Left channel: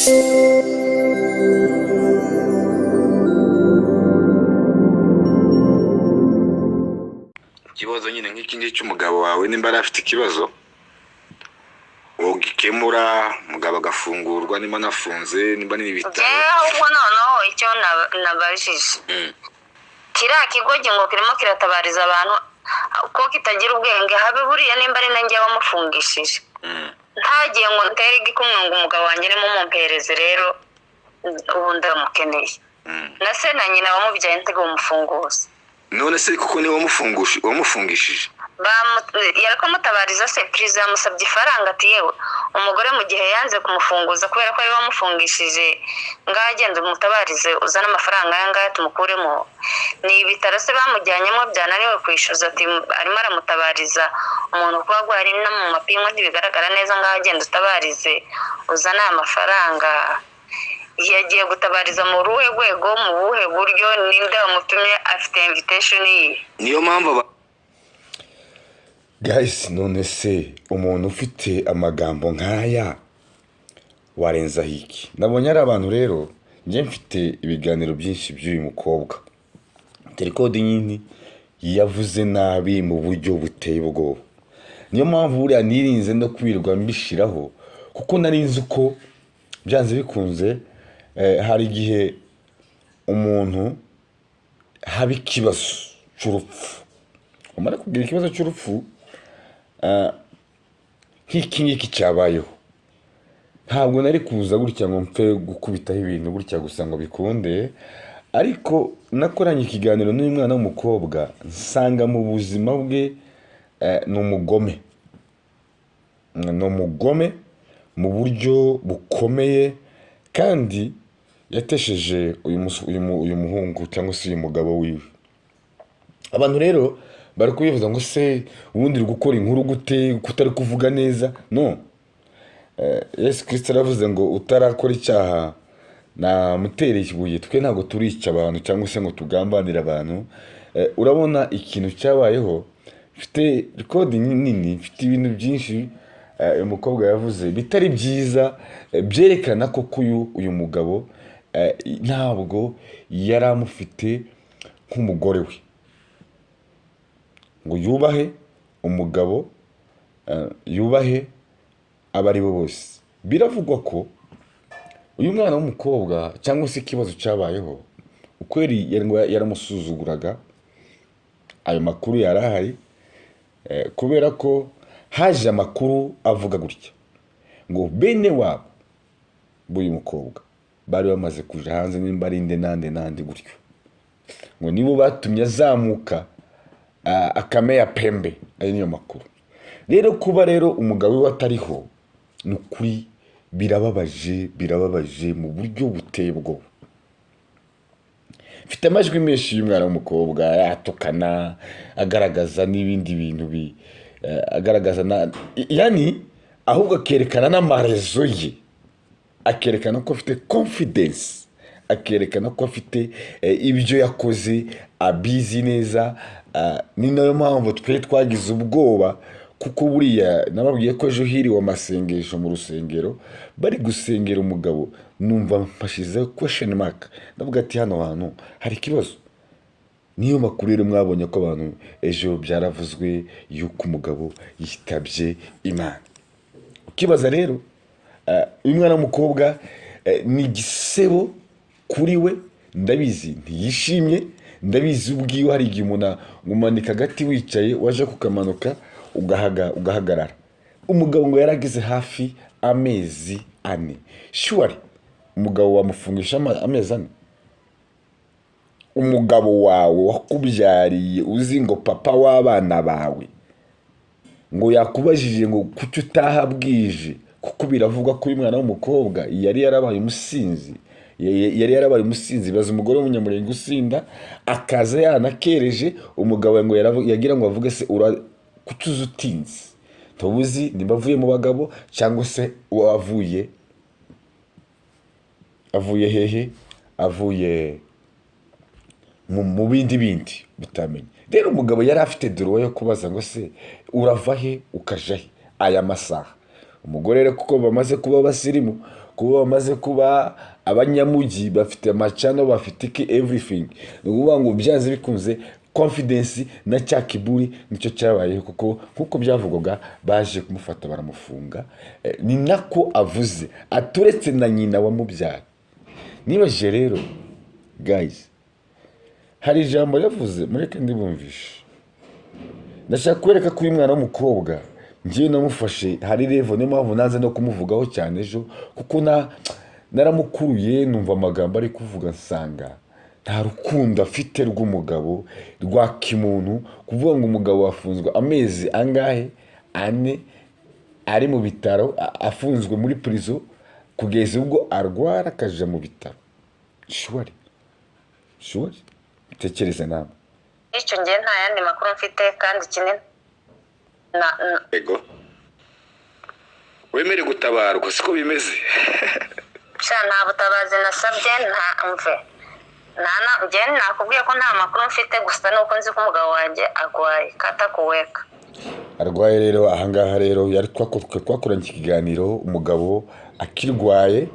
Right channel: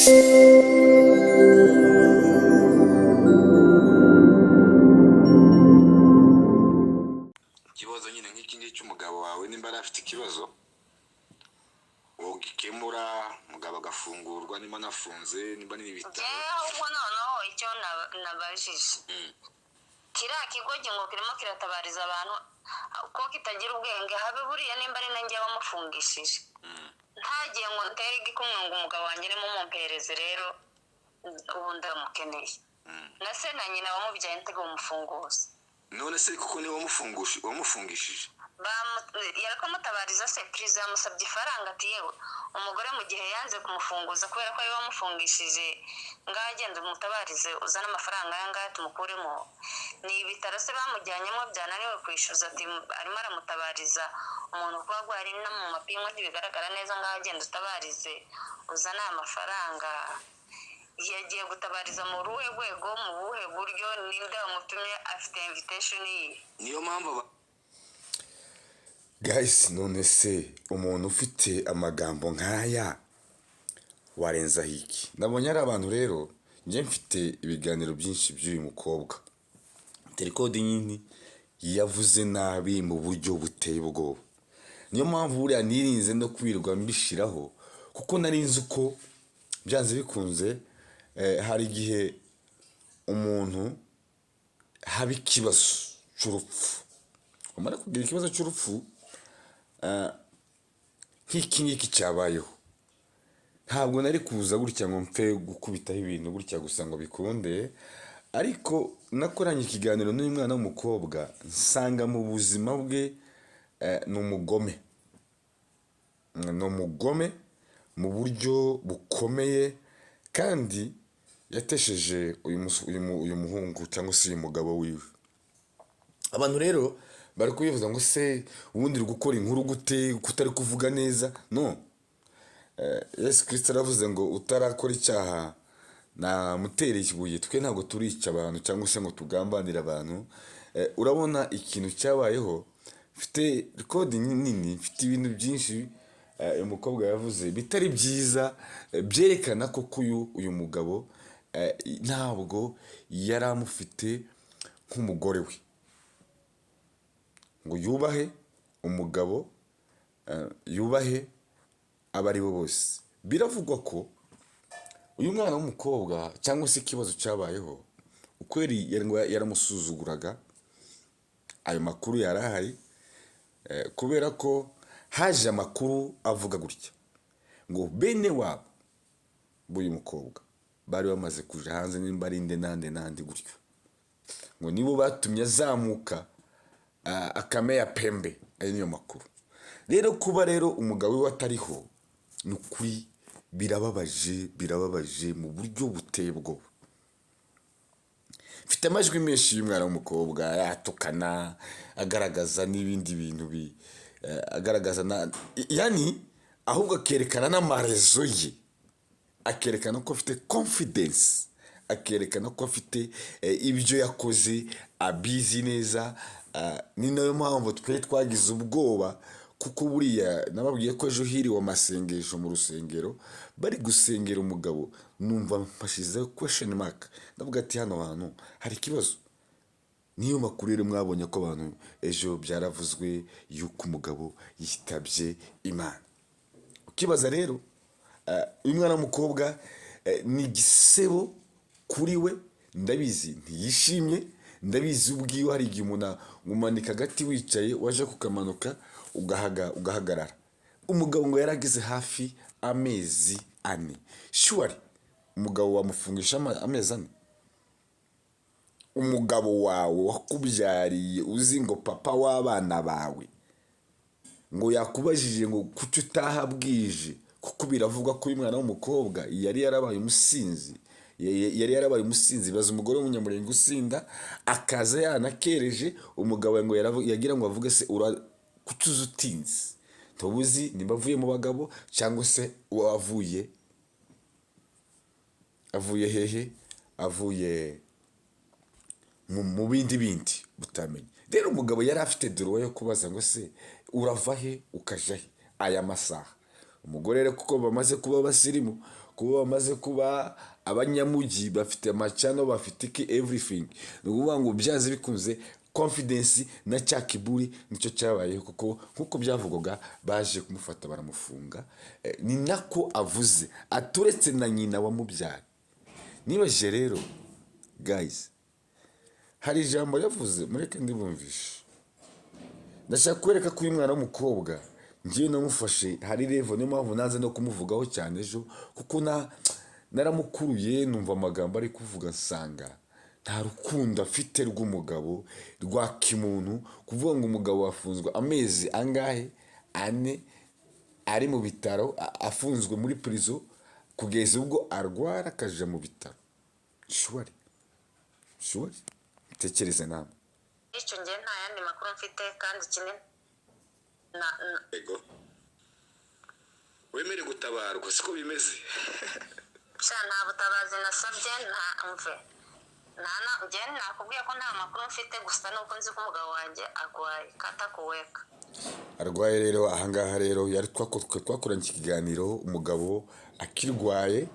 ikibazo nyine nk'iki ngiki cy'umugabo wawe nimba ari afite ikibazo ugikemura umugabo agafungurwa nimba anafunze nimba n'ibitaro ahubwo noneho icyo nabajije kiriya kigo ngo kirimo kiratabariza abantu ko kitagira ubwenge habe buriya nimba ari nanjye wamufungishije ntagiye ngo ntere igikumwe ngo umugabo wanjye ni mumpereze rero ubu ndamukeneye na se na nyina wamubyaye ntego umufunguza none se kuko ni wamufungishije yariko mutabariza se prize yamusabye ifaranga ati yewe umugore mu gihe yanze kumufunguza kubera ko ari wamufungishije ngagenda umutabarize uzana amafaranga yanga tumukuremo ni ibitaro se bamujyanyemo byananiwe kwishyuza ati arimo aramutabariza umuntu kuba gwari no mu mapingo ntibigaragara neza ngagenda utabarize uzana amafaranga yagiye gutabariza mu ruhe rwego mu buhe buryo ninde wamutumye afite invitation niyo mpamvu guys none se umuntu ufite amagambo nk'aya warenza hiki nabonye ari abantu rero njye mfite ibiganiro byinshi by'uyu mukobwa terikode nyine yavuze nabi mu buryo buteye ubwoba niyo mpamvu buriya nirinze no kwirirwa mbishiraho kuko narinzi uko byanze bikunze hari igihe umuntu haba ikibazo cy'urupfu umara kugira ikibazo cy'urupfu nk'iki ngiki cyabayeho ntabwo nari kuza gutya ngo mpfe gukubitaho ibintu gutya gusa ngo bikunde ariko nakoranye ikiganiro n'uyu mwana w'umukobwa nsanga mu buzima bwe ni umugome mu buryo bukomeye kandi yatesheje uyu muhungu cyangwa se uyu mugabo wiwe abantu rero bari kubivuza ngo se ubundi uri gukora inkuru gute kutari kuvuga neza no Yesu Kristo aravuze ngo utarakora icyaha namutereye ikibuye twe ntabwo turica abantu cyangwa se ngo tugambanire abantu urabona ikintu cyabayeho mfite record nini mfite ibintu byinshi uyu mukobwa yavuze bitari byiza byerekana ko uyu mugabo ntabwo yari amufite nk'umugore we ngo yubahe umugabo yubahe abari bo bose biravugwa ko uyu mwana w'umukobwa cyangwa se ikibazo cyabayeho ukweri yaramusuzuguraga ayo makuru yarahari kubera ko haje amakuru avuga gutya ngo bene wabo b'uyu mukobwa bari bamaze kuja hanze nimba ari nande gutyo ngo nibo batumye azamuka akameya pembe ari niyo makuru rero kuba rero umugabo we atariho nukuri birababaje mu buryo buteye ubwoba mfite amajwi menshi y'umwana w'umukobwa yatukana agaragaza n'ibindi bintu agaragaza yani ahubwo akerekana n'amarezo ye akerekana ko afite confidence akerekana ko afite ibyo yakoze abizi neza ni nayo mpamvu twe twagize ubwoba kuko buriya nababwiye ko ejo hiriwe amasengesho mu rusengero bari gusengera umugabo numva mpashize question mark ndavuga ati hano hantu hari ikibazo niyo makuru rero mwabonye ko abantu ejo byaravuzwe yuko umugabo yitabye Imana ukibaza rero uyu mwana w'umukobwa ni igisebo kuri we ndabizi ntiyishimye ndabizi ubwiwe hari igihe umuntu umanika agati wicaye waje kukamanuka ugahagarara umugabo ngo yaragize hafi amezi 4 sure umugabo wamufungisha amezi 4 umugabo wawe wakubyariye uzi ngo papa w'abana bawe ngo yakubajije ngo kuki utahabwije kuko biravuga ko uyu mwana w'umukobwa yari yarabaye umusinzi baza umugore w'umunyamurenge usinda akaza yanakereje umugabo ngo yagira ngo avuge se kutuza utinze tubuzi nimba avuye mu bagabo cyangwa se avuye hehe avuye mu bindi butamenye rero umugabo yari afite doro yo kubaza ngo se urava he ukaja he aya masaha umugore rero kuko bamaze kuba basirimu kuba bamaze kuba abanyamugi, bafite amacano, bafite iki everything. Ni ukuvuga ngo byanze bikunze confidence na cya kiburi nicyo cyabayeho, kuko nk'uko byavugwaga baje kumufata baramufunga. Ni nako avuze aturetse na nyina wamubyara. Nibaje rero guys, hari ijambo yavuze mureke ndibumvishe. Ndashaka kwereka ko uyu mwana w'umukobwa ngiye namufashe hari level, niyo mpamvu nanze no kumuvugaho cyane ejo, kuko naramukuruye numva amagambo ari kuvuga nsanga nta rukundo afite rw'umugabo rwa kimuntu. Kuvuga ngo umugabo wafunzwe amezi angahe, 4 ari mu bitaro, afunzwe muri prison kugeza ubwo arwara akaja mu bitaro. Shwari tekereza nawe. icyo ngiye nta yandi makuru mfite kandi kinini ego wemere gutabarwa siko bimeze. nta butabazi nasabye, nta mve njye nakubwiye ko nta makuru mfite, gusa nuko nzi ko umugabo wanjye arwaye katakuweka. Arwaye rero ahangaha rero yari twakoranye ikiganiro, umugabo akirwaye.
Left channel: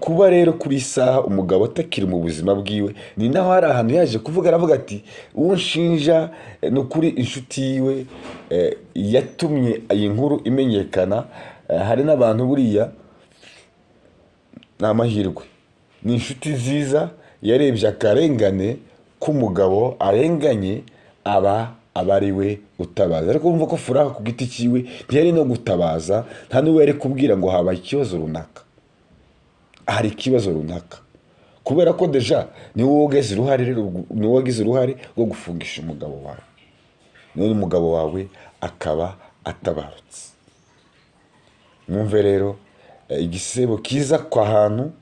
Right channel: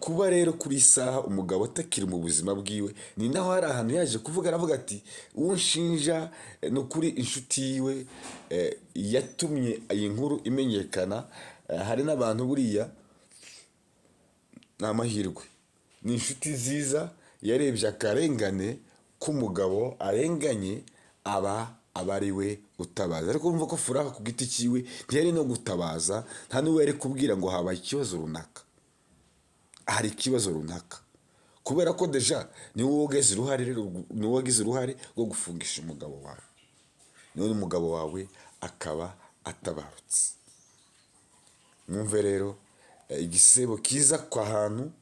Kuba rero kuri isaha umugabo atakiri mu buzima bwiwe, ni naho hari ahantu yaje kuvuga, aravuga ati uwo nshinja ni ukuri inshuti yiwe yatumye iyi nkuru imenyekana. Hari n'abantu buriya ni amahirwe, ni inshuti nziza yarebye akarengane k'umugabo arenganye, aba ari we utabaza. Ariko wumva ko Furaha ku giti cyiwe ntiyari no gutabaza, nta n'uwo yari kubwira ngo habaye ikibazo runaka, hari ikibazo runaka, kubera ko deja ni wowe wagize uruhare rwo gufungisha umugabo wawe, none umugabo wawe akaba atabarutse. Mwumve rero igisebo kiza kwa hantu,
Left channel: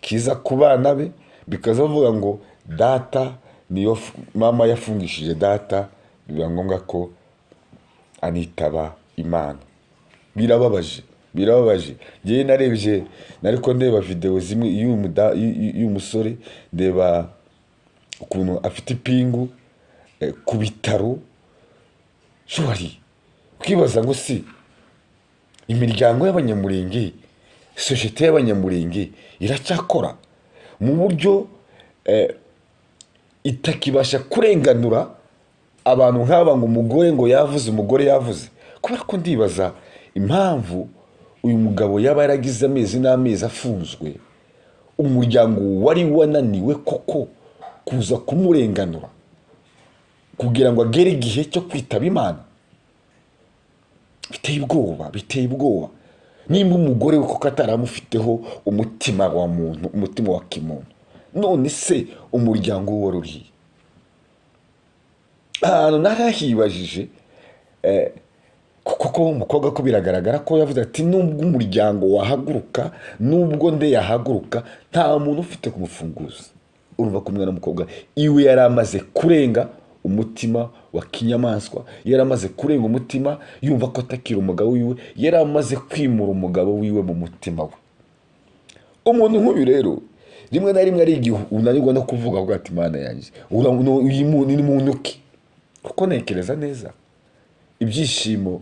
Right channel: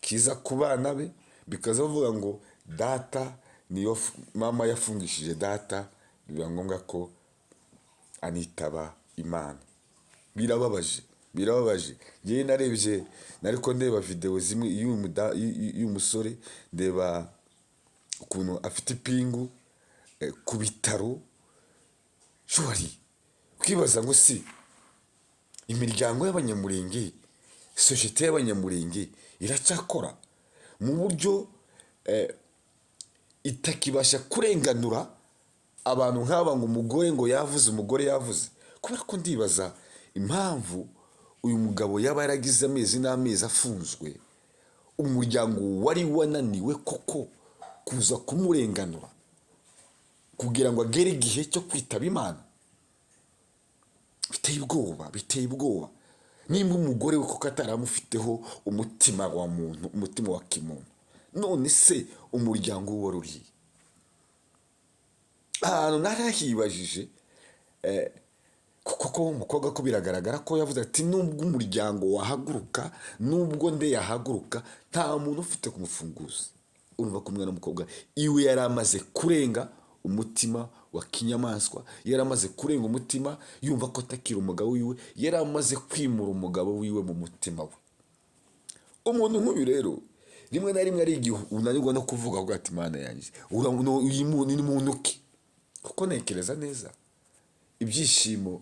kiza ku bana be, bikaza bavuga ngo data niyo mama yafungishije data, biba ngombwa ko anitaba Imana. Birababaje. Ngewe narebye, nariko ndeba video zimwe y'umusore, ndeba ukuntu afite ipingu ku bitaro. Shwari kwibaza ngo si imiryango y'abanyamurenge, societe y'abanyamurenge iracyakora mu buryo itakibasha kurenganura abantu nk'aba, ngo umugore ngo yavuze, umugore yavuze. Kubera ko ndibaza impamvu uyu mugabo yaba yaragize amezi n'amezi afunzwe, umuryango wari wananiwe koko kuza kumurenganura kugira ngo agere igihe cyo kwitaba Imana. Biteye ubwoba. Nimba umugore we koko ataramufiteho umutima wa muntu, umutima wa kimuntu, none se umuryango we wari urihe? Ahantu narahibajije, kuko umukobwa ko biragaragara ko yavuze ati nubwo umuryango wahaguruka, nubwo nde yahaguruka, nta muntu ufite kumufunguza. Urumva ko umwana w'umukobwa iwe yari amaze kurenga umutima wa kinyamaswa, yari amaze kurenga umutima yumva ko atakira umugabo wiwe, yari amaze kwimura umugabo wiwe mu mutima we. Umuntu nk'uyu rero rimwe na rimwe ari igihe unanirwa no kuvuga ngo ati Mana yanjye uyu ni muntu ki? Kuko ntekereza neza ibyishimo,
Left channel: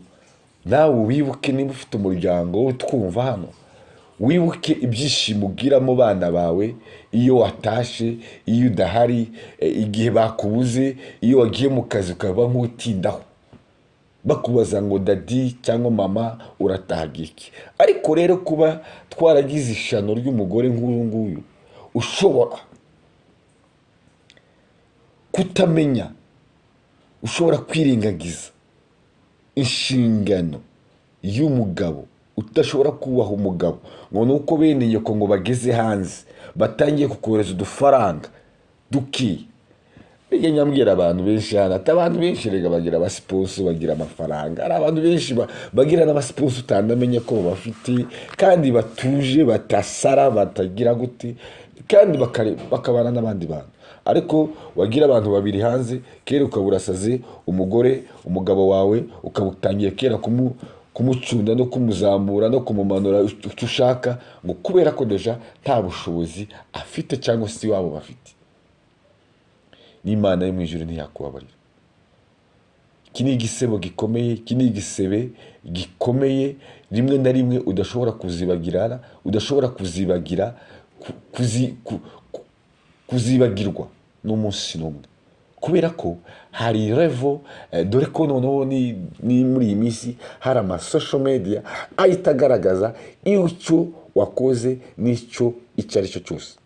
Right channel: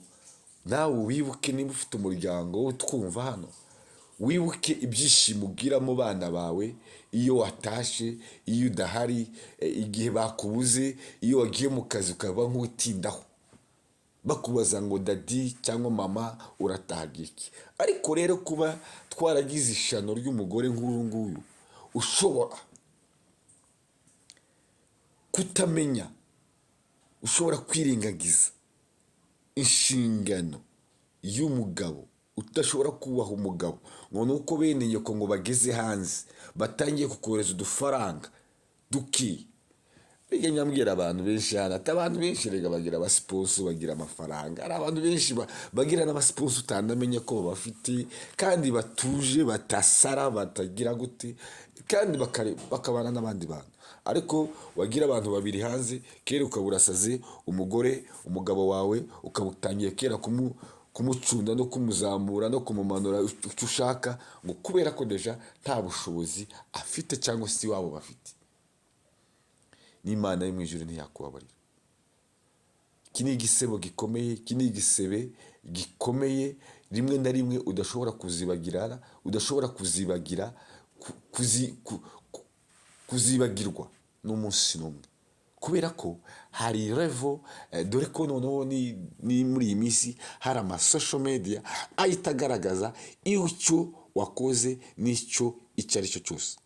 nawe wibuke niba ufite umuryango wowe twumva hano, wibuke ibyishimo ugira mu bana bawe iyo watashe, iyo udahari, igihe bakubuze, iyo wagiye mu kazi ukaba nk'utindaho, bakubaza ngo dadi cyangwa mama uratahaga iki. Ariko rero kuba twaragize ishano ry'umugore nk'uyu nguyu, ushobora kutamenya, ushobora kwirengagiza inshingano y'umugabo, udashobora kubaha umugabo, ngo nuko bene nyoko ngo bageze hanze batangiye kukohereza udufaranga dukiye. Bijya nyambwira abantu benshi hano, ati abantu benshi rega bagira abasiponso, bagira amafaranga. Hari abantu benshi bagira n'abasiponso utandamenye ko bafite, kandi batuje, batasara, batagira gute, kandi bakabana n'abandi bantu. Ariko wagira abantu babiri hanze, kera ukaburasaze umugabo wawe ukabutangiye kera kumucunda no kumuzamura no kumumanura icyo ushaka, ngo kubera ko deja nta bushobozi afite cyangwa se wabo bafite. N'Imana yo mu ijuru ntiyakubabarira. Iki ni igisebo gikomeye, iki ni igisebe gikomeye rimwe na rimwe udashobora kuzibagirana, udashobora kuzibagirwa n'umunsi n'umwe, kubera ko hari revo dore ko noneho ni muri iyi minsi hari social media ahita agaragaza icyo wakoze n'icyo ari cyo cyose.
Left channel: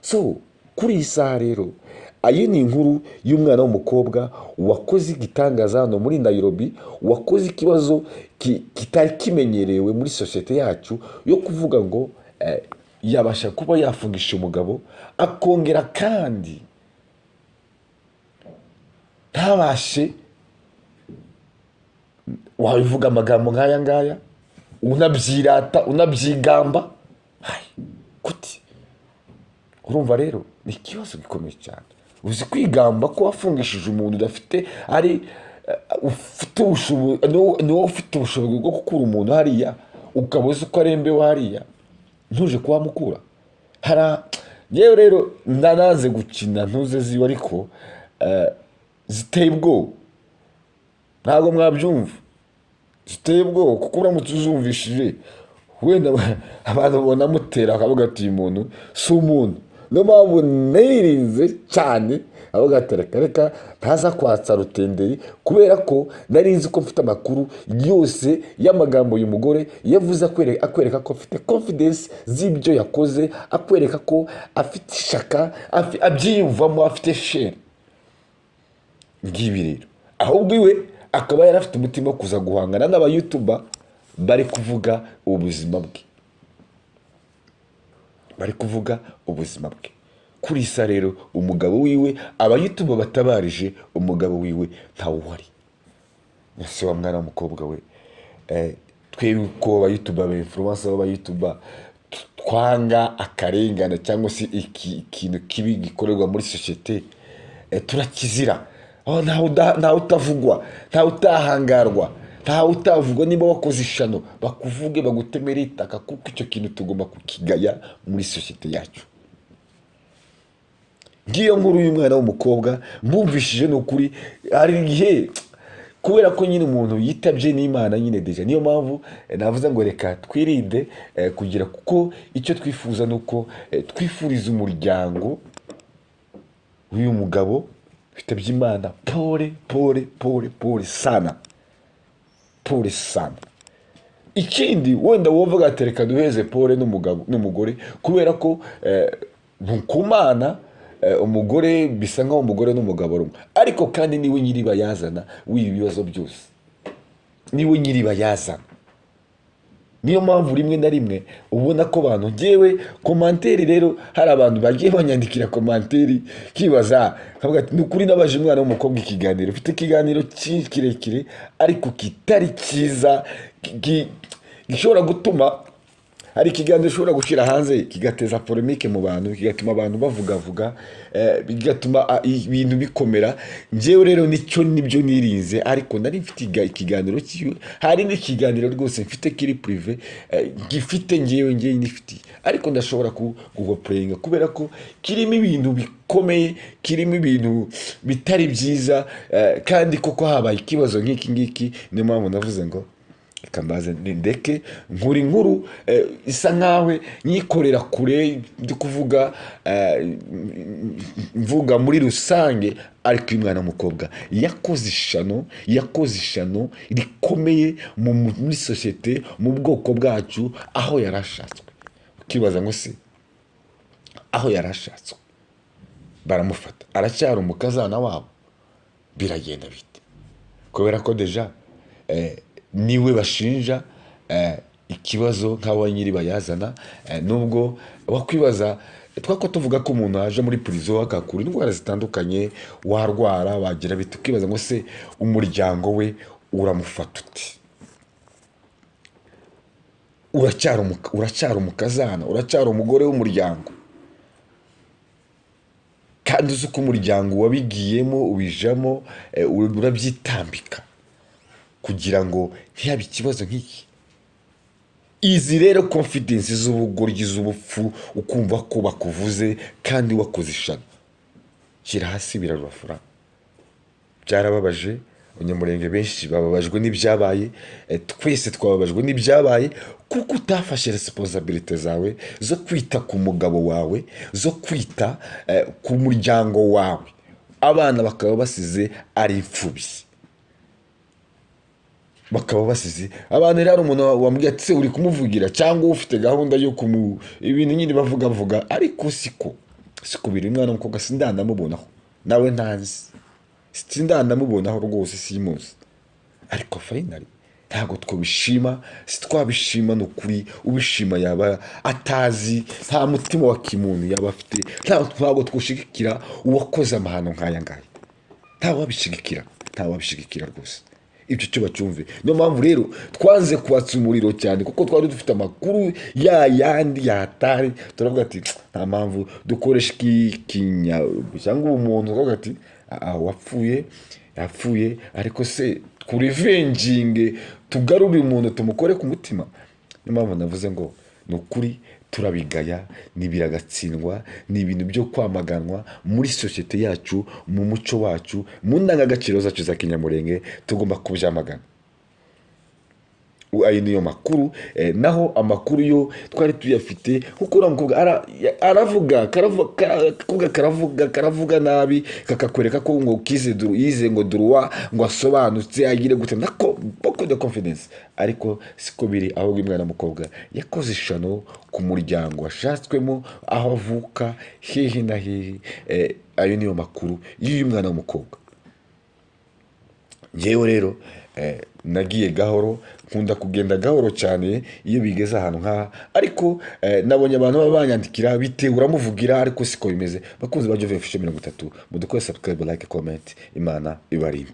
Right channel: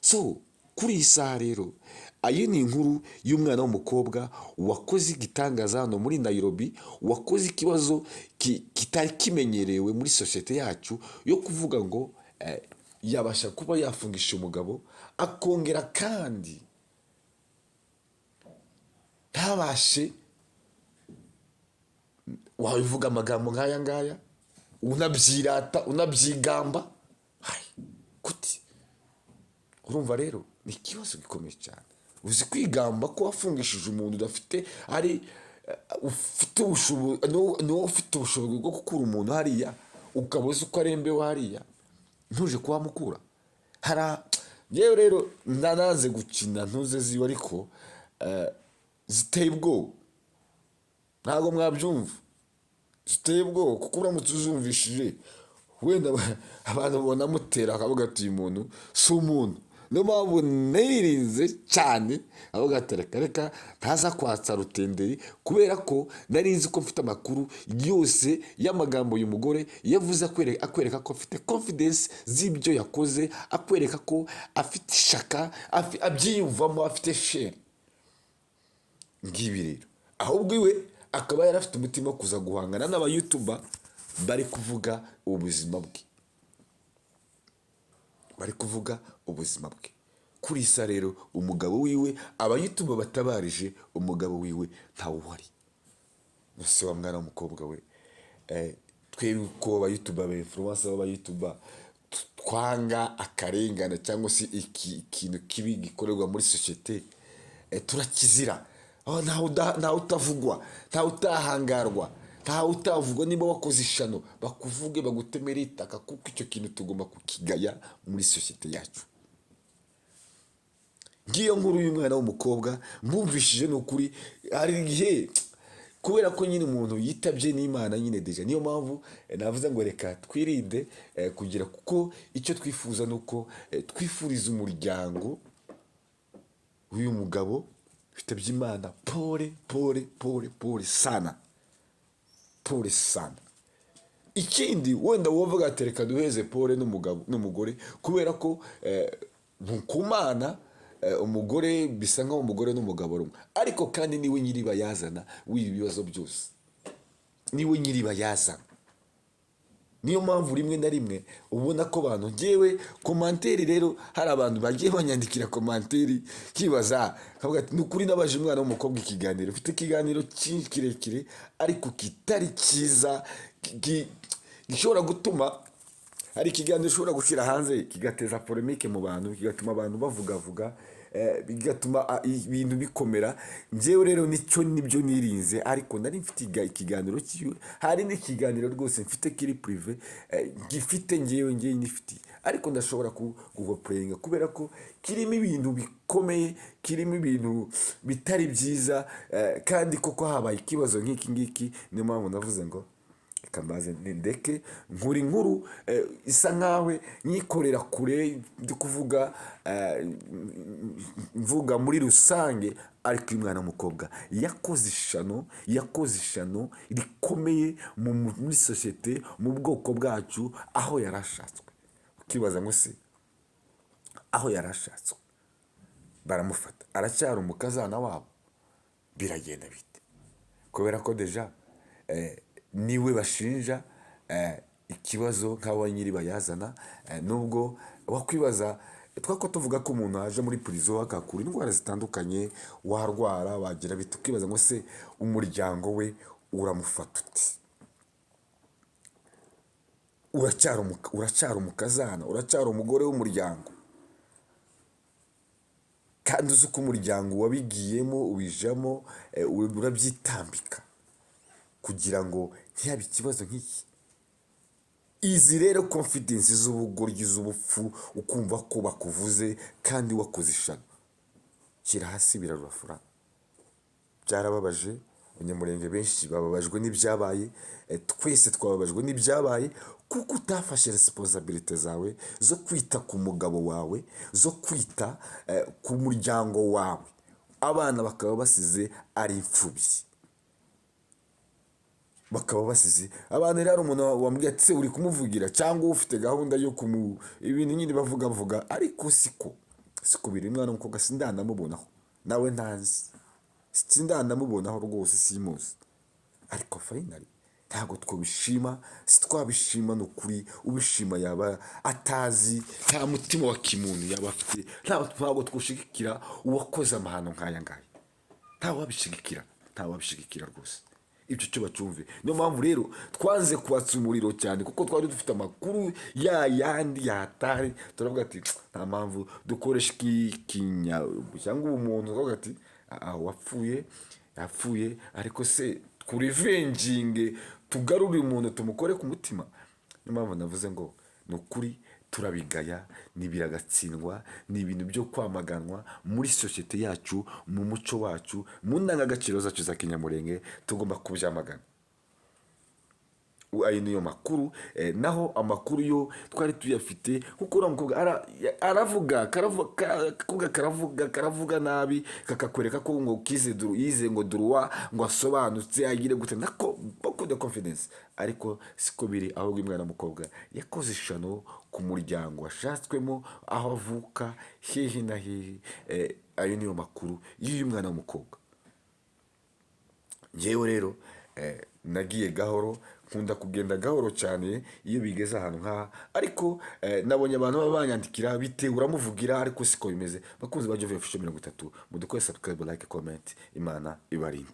So kuri iyi saha rero, ayo ni inkuru y'umwana w'umukobwa wakoze igitangaza hano muri Nairobi, wakoze ikibazo kitari kimenyerewe muri sosiyete yacu yo kuvuga ngo yabasha kuba yafungisha umugabo, akongera kandi ntabashe wabivuga amagambo nk'aya ngaya, unabyirata unabyigamba. Kuti urumva rero ni ikibazo gikomeye cyane. Uzi kwigamba ko wafungishije umuntu udafite ari ufite ubushobozi bwo gukura umuntu hariya, ukabuze uko arembewe hariya, ntuje kuba mukura yewe rero ndanaze gukina ntuze ziwe, ariko ziteye ubwoba, ntabwo mwabyumva, ziteye ubwoba kuko uramutse uzumvishije wenda abantu babona mutera akavuga ati uyu muntu si umuntu. Niyo mpamvu nirinze cyane avuga ati reka ntaza kwatsa rutenderi, kubera ko nari nzi ko mfite amakuru yose y'amagambo uyu mugore yavuze, akwereka ko afite confidence z'ibyo yakoze, akwereka ko afite ishaka, abyiyumvamo, afite share ngibi rero. Ahubwo iwe akaba yari afite umutima wo kuza guhangana n'abayutuba bari kuvuga ubuzima bwe, bari kuvuga ubuzima bwe. Kuri isa rero umugabo wiwe, abayutuba batabarije umugabo wiwe ntawe uhari. Ese wa mwana w'umukobwa we, twebwe ko abayutuba b'influencer b'abayutuba twanga akarengane cyangwa se ikintu kibi gikorerwa muri sosiyete, turakizira. Ntawe utavugwa, ntawe utahangarwa, ntawe utavugwa. Niba wakoze ishano bakuvuge, bagutemere itaka, kuko icyo kintu tugomba kukigaya muri sosiyete yacu. Ngiyo nkuru y'umwana w'umukobwa mbumvishije n'ukuri, hari igihe kubera ko nyine umuntu yitabye n'Imana nyine deja, niyo mpamvu navuze ngo reka twirinde kugira, kuko icyo twifuza nuko twifuriza umuryango w'uyu mugabo witabye Imana pole sana, pole sana. Ikindi wenda wovuga ati reka duheze pole n'umugore, kubera ko ntukumana umugore bisa nkaho umugore n'umugabo rumwe, ariko kandi niwe nyiribayazana w'ibi bibazo byose, niwe nyiribayazana. Niyo mpamvu rimwe na rimwe ubona ko abantu ngewe komanteri rero, hari abantu bagiye banyandikira komanteri kibaza kavuga ati nukuri nabaje umwana w'umukobwa ikiganiro, ufite ikiganiro kirekire ariko kitari cyiza, gishobora gutuma hari ikiganiro ushobora gushyira hanze kigateza polemique mu bantu, kigatuma abantu bavuga, bigatuma ibintu bikomera. Ngewe rero nibyo nirinze, ariko nari mfite ikiganiro cyiwe, hari n'ikiganiro rwose mfite kiri prive gifite ngewe nifite, ariko ndashobora kugoplayinga kubera ko kirimo ibintu bikomeye, kirimo ibintu bitari byiza, kandi koko habaye ikibazo nk'iki ngiki. Niyo mpamvu navuze ngo kambaze ndeke inkuru isa nkawe nyikorera kure, ndi kuvuga mvuga muri rusange. Ariko uyu mwana w'umukobwa yakoze ishano rikomeye muri sosiyete, mu bwoko bwacu, aho yarashatswe. Ukibaza ngo se aho yarashatswe baramufata, aracyari umukazana wabo, biragenda bite? Kubera ko deja niwe bashinja ikibazo nk'aho nyiribayazana. Nubwo wakwibaza twako tuvuga ko umuntu aje muri prison akakura indwara zitandukanye, warwara wagira bite, ukibaza ngo se umuryango we uramufata uti? Uracyari umukazana, uracyari umugore w'umuryango, kandi uzi ko umuryango wabigiyemo, ubijamo, urabyitambika kugira ngo ntihabe ikibazo nk'iki. Izi rero confidence z'ubugoryi, z'ubupfu, ukumva ko bakuvuze kandi wakoze ishano, shyira hasi birarufura. Byarababaje, abanyamurenge benshi bababajwe n'ibyabaye, twese twababajwe n'ibyabaye kuko utafashe resiponsabirite zawe zo kwita ku mugabo wawe, zo kwita ku muryango wawe, abana bakaba basize ari imfubyi, bakaba basize abantu. Rero umuntu wambwiye ati se uri kumuvugira cyangwa ufite gahunda yo ibintu nyine bavuga, ariko siko biri. Umwana w'umukobwa sindandamubonaho, nawe ntazi, sindandamubonaho rwose, simuzi, ariko finally ntabwo twabishima, twabishima ni ukuri. Ubishima yaba atazi, nta mutima wa kimuntu yaba afite, ntabwo twushigikira uwakoze amahano nk'aya ngaya, ntawabishigikira rwose. Ibyo cyo bacyumve. Niyo mpamvu rero twanze kubatsa umuriro cyane, kuko twari dufite amakuru yandi yatari, turavuga ati nta mpamvu dukoresha cyangwa umuntu uvuga ati yapfuye, ariko se kurivenjinge tugarure umuntu tumukore ku mutima. Niyo mpamvu navuze ngo ni ukuri turabigaya, nibiragatsindwa, ni ibintu byo kwamaganwa muri sosiyete yacu, mu muco wacu, mu ndangagaciro zacu za kinyamurenge, tugomba kubyamagana. Ayo niyo makuru. Naho amakuru yo twari tuyafite, kuko uriya mukobwa karavuga nabi, kakakwereka ko ngo yize ngo duruwa, ngo asobanutse, agire gute, nako beaucoup de confidence, ariko siko biri. Ahubwo umwana w'umukobwa yakoze ishano ku muryango washatswemo, aho avuka, hehe na hehe. Ayo niyo makuru y'uyu mwana w'umukobwa. Njyewe rero nagiye gahoro, nkunda kugenda gahoro cyane iyo bigeze ahantu nk'aha, ariko nabonye abantu baba banyandikira bitewe uramuvugira, ariko siko bimeze. Bakunzi ba Jovin Official 30, mudukore subscribe, like, comment. Imana ibarinde.